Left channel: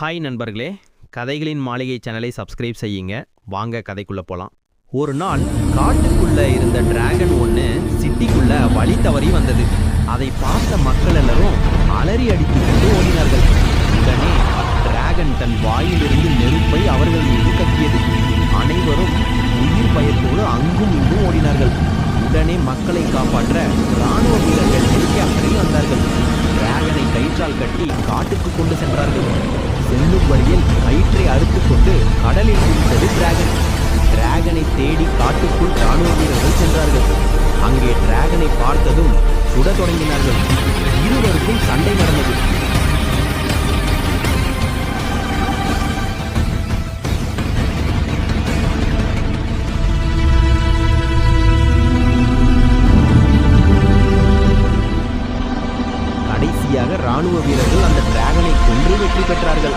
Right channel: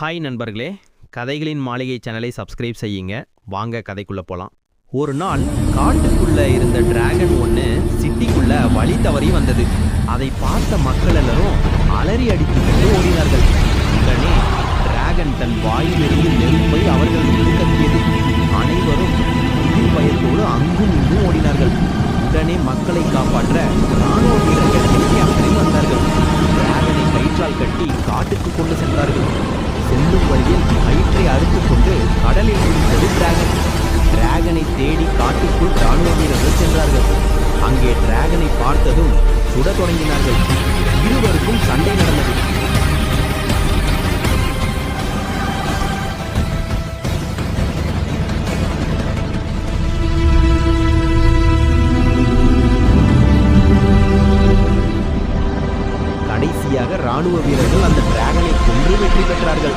Hi நண்பர்களே, கதைகளின் மாளிகை சேனலை சப்ஸ்கிரைப் செய்யுங்க. வாங்க கதைக்குள்ள போலாம். ஒரு நாள் காட்டுக்குள்ள இருந்த டிராகன் ஒன்று சிட்டிக்குள்ள வழி தவறி வந்தது. அதை பார்த்த மக்கள் எல்லாரும் அலறி அடித்துக் கொண்டு ஓடினார்கள். உடனே டிராகன் தன் வாயிலிருந்து நெருப்பை அவர்கள் மீது கக்கியது. அனைவரும் உயிர் பயத்தோடு அங்கும் இங்கும் ஓடினார்கள். உடனே மக்களை காப்பாற்ற இராணுவ வீரர்கள் ஹெலிகாப்டரில் வந்தார்கள். டிராகனை கயிற்றால் கட்டி காட்டுக்கு கொண்டு சென்றார்கள். செல்லும் வழியில் கயிற்றை அறுத்து கொண்டு கடலில் குதித்தது டிராகன். டிராகனை தேடி காட்டுக்குள் இராணுவ வீரர்கள் சென்றார்கள். அங்கே டிராகனை பார்த்ததும் சுட தொடங்கினார்கள். இருவருக்கும் சண்டை நடந்தது. கடைசியாக இராணுவ வீரர்கள் அந்த டிராகனை கொன்று வெற்றி பெற்றார்கள்.